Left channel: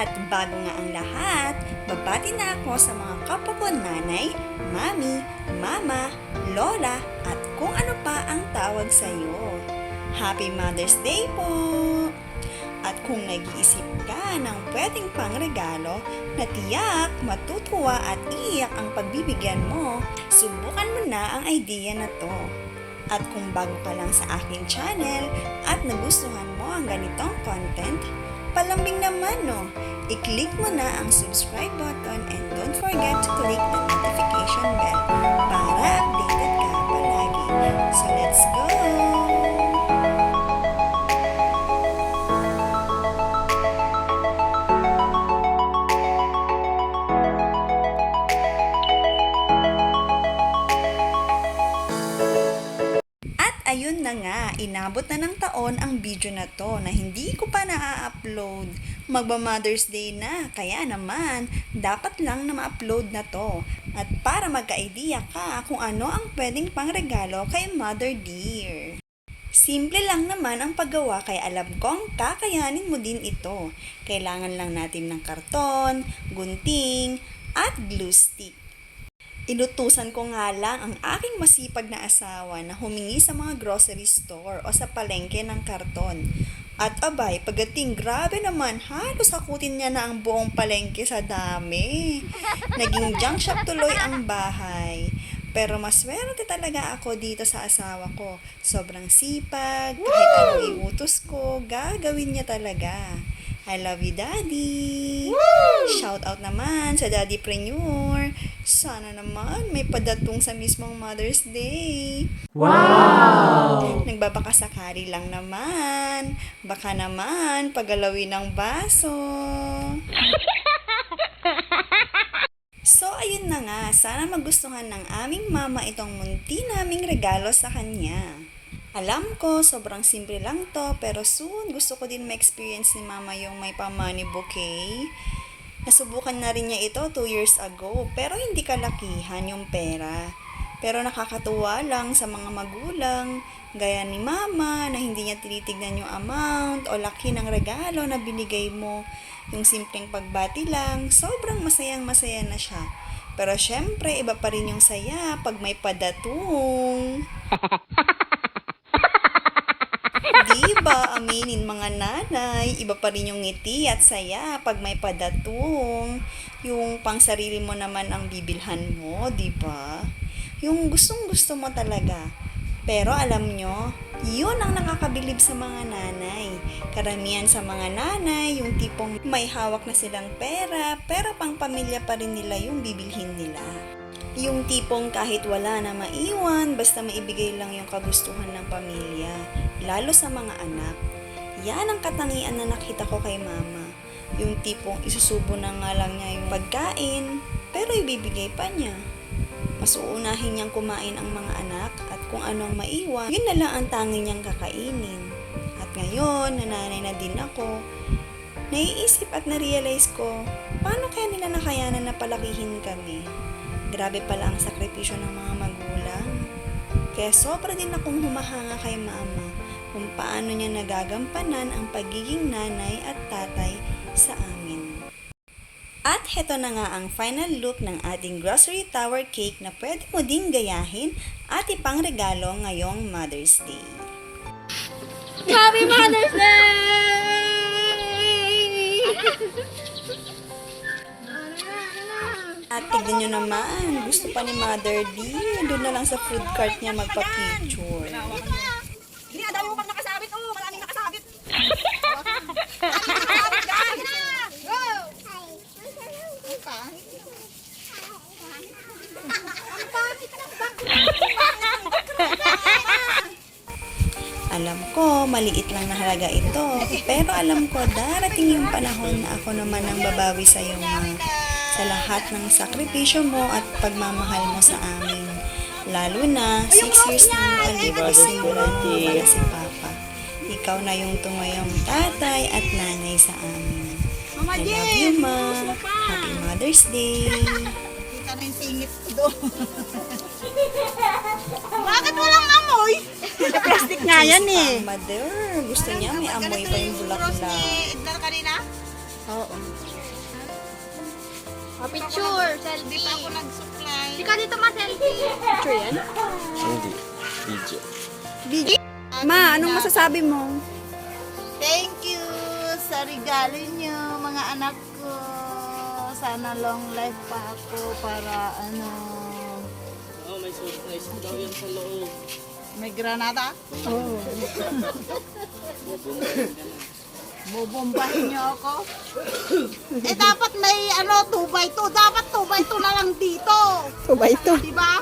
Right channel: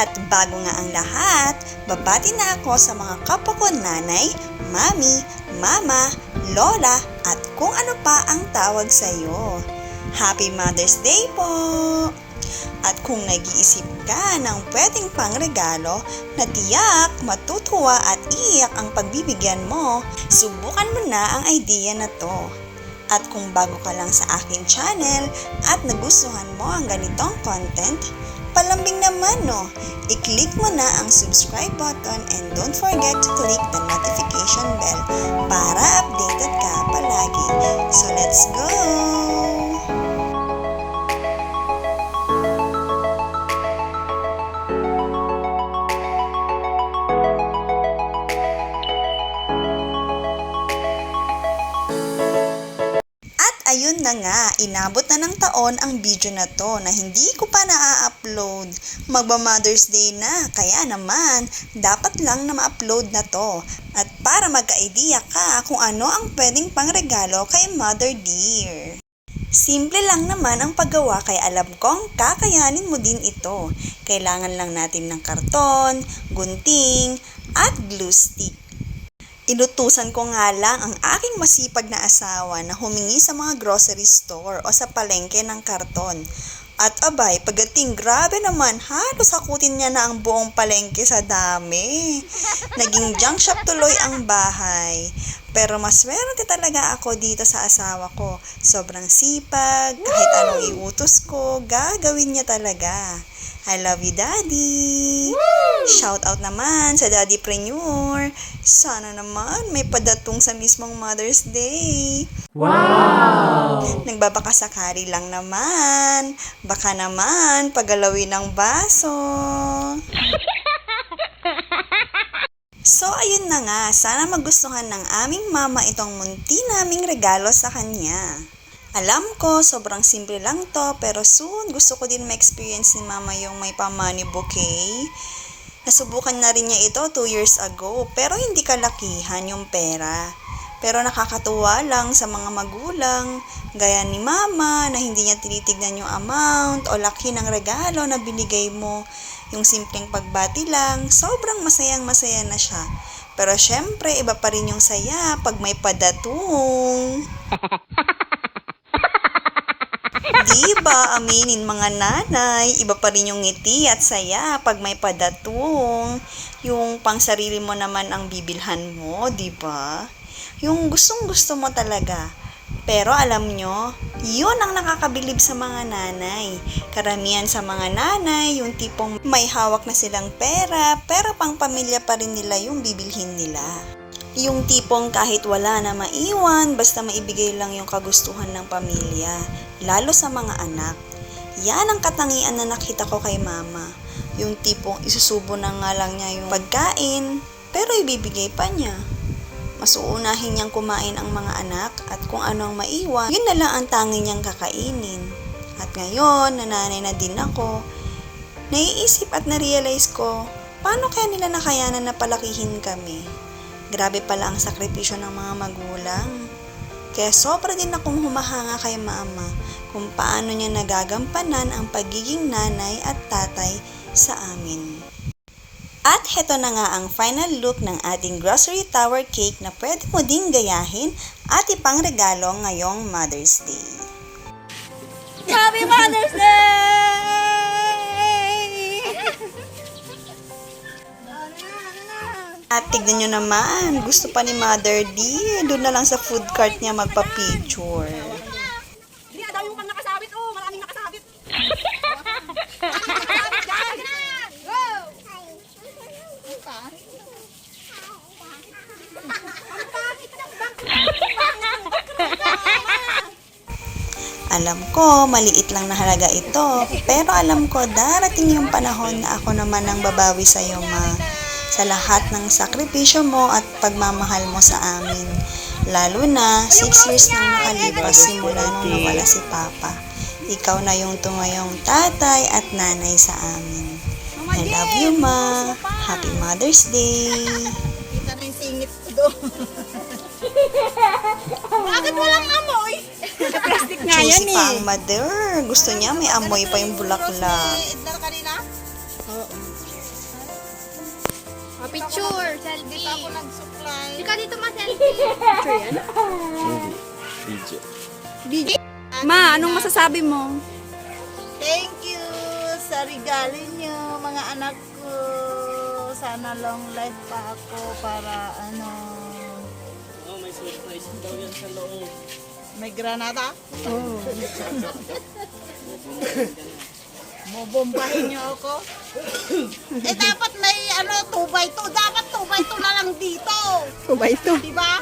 At bago nga ang lahat, babati na ako sa mga kapwa ko nanay, mami, mama, lola, at kung ano pa ang tawag sa iyo. Happy Mother's Day po! At kung nag-iisip ka ng pwedeng pangregalo na tiyak, matutuwa at iiyak ang pagbibigyan mo, subukan mo na ang idea na to. At kung bago ka lang sa aking channel at nagustuhan mo ang ganitong content, palambing naman no, i-click mo na ang subscribe button and don't forget to click the notification bell para updated ka palagi. So let's go! Ayun na nga, inabot na ng taon ang video na to na hindi ko pa na-upload. Magba-Mother's Day na, kaya naman, dapat lang na ma-upload na to. At para magka-idea ka kung ano ang pwedeng pangregalo kay Mother Dear. Simple lang naman ang paggawa kaya alam kong kakayanin mo din ito. Kailangan lang natin ng karton, gunting, at glue stick. Inutusan ko nga lang ang aking masipag na asawa na humingi sa mga grocery store o sa palengke ng karton. At abay, pagdating grabe naman, halos hakutin niya na ang buong palengke sa dami. Naging junk shop tuloy ang bahay. Pero maswerte talaga ako dito sa asawa ko. Sobrang sipag, kahit anong iutos ko, gagawin niya talaga. I love you, Daddy! Shout out naman sa Daddy Preneur. Sana naman may padatong sa mismong Mother's Day. Wow! Nagbabakasakali lang naman. Baka naman pagalawin ng baso. So, ayun na nga. Sana magustuhan ng aming mama itong munti naming regalo sa kanya. Alam ko, sobrang simple lang to, pero soon gusto ko din ma-experience ni mama yung may pa-money bouquet. Nasubukan na rin niya ito 2 years ago, pero hindi kalakihan yung pera. Pero nakakatuwa lang sa mga magulang, gaya ni mama na hindi niya tinitignan yung amount o laki ng regalo na binigay mo. Yung simpleng pagbati lang, sobrang masayang-masaya na siya. Pero syempre, iba pa rin yung saya pag may padatung. Diba, aminin mga nanay, iba pa rin yung ngiti at saya pag may padatung. Yung pang sarili mo naman ang bibilhan mo, diba? Yung gustong-gusto mo talaga. Pero alam nyo, yun ang nakakabilib sa mga nanay. Karamihan sa mga nanay, yung tipong may hawak na silang pera, pero pang pamilya pa rin nila yung bibilhin nila. Yung tipong kahit wala na maiwan, basta maibigay lang yung kagustuhan ng pamilya, lalo sa mga anak. Yan ang katangian na nakita ko kay mama. Yung tipong isusubo na nga lang niya yung pagkain, pero ibibigay pa niya. Mas uunahin niyang kumain ang mga anak at kung ano ang maiwan, yun na lang ang tangi niyang kakainin. At ngayon, nananay na din ako, naiisip at na-realize ko, paano kaya nila nakayanan na palakihin kami? Grabe pala ang sakripisyo ng mga magulang. Kaya sobra din akong humahanga kay mama kung paano niya nagagampanan ang pagiging nanay at tatay sa amin. At heto na nga ang final look ng ating grocery tower cake na pwede mo ding gayahin at ipangregalo ngayong Mother's Day. Happy Mother's Day! At tignan nyo naman, gusto pa ni Mother D, doon na lang sa food cart niya magpa-picture. Hindi, daw yung pang nakasabit. Oh, maraming nakasabit. Nakasabit, guys. Go! Alam ko, maliit lang na halaga ito, pero alam ko darating yung panahon na ako naman ang babawi sa iyo, ma. Sa lahat ng sakripisyo mo at pagmamahal mo sa amin. Lalo na 6 years nang nakalipas simula nung nawala si Papa. Ikaw na yung tumayong tatay at nanay sa amin. I love you, ma. Happy Mother's Day. Sana yung singit ko doon. Bakit walang amoy? Plastic nga yan Cheesy pa ang mother. Gusto niya may amoy pa yung bulaklak. Idlar kanina? Oo. Picture. Selfie. Ako nag-supply. Ikaw dito ma, selfie. Hindi. Video. Ma, anong masasabi mo? Thank you sa regalo niyo, mga anak ko. Sana long life pa ako para May surprise daw yan sa loob. may granada. Mobombahin niyo ako. Dapat may 2x2. Dapat 2x2 na lang dito. 2x2. Diba?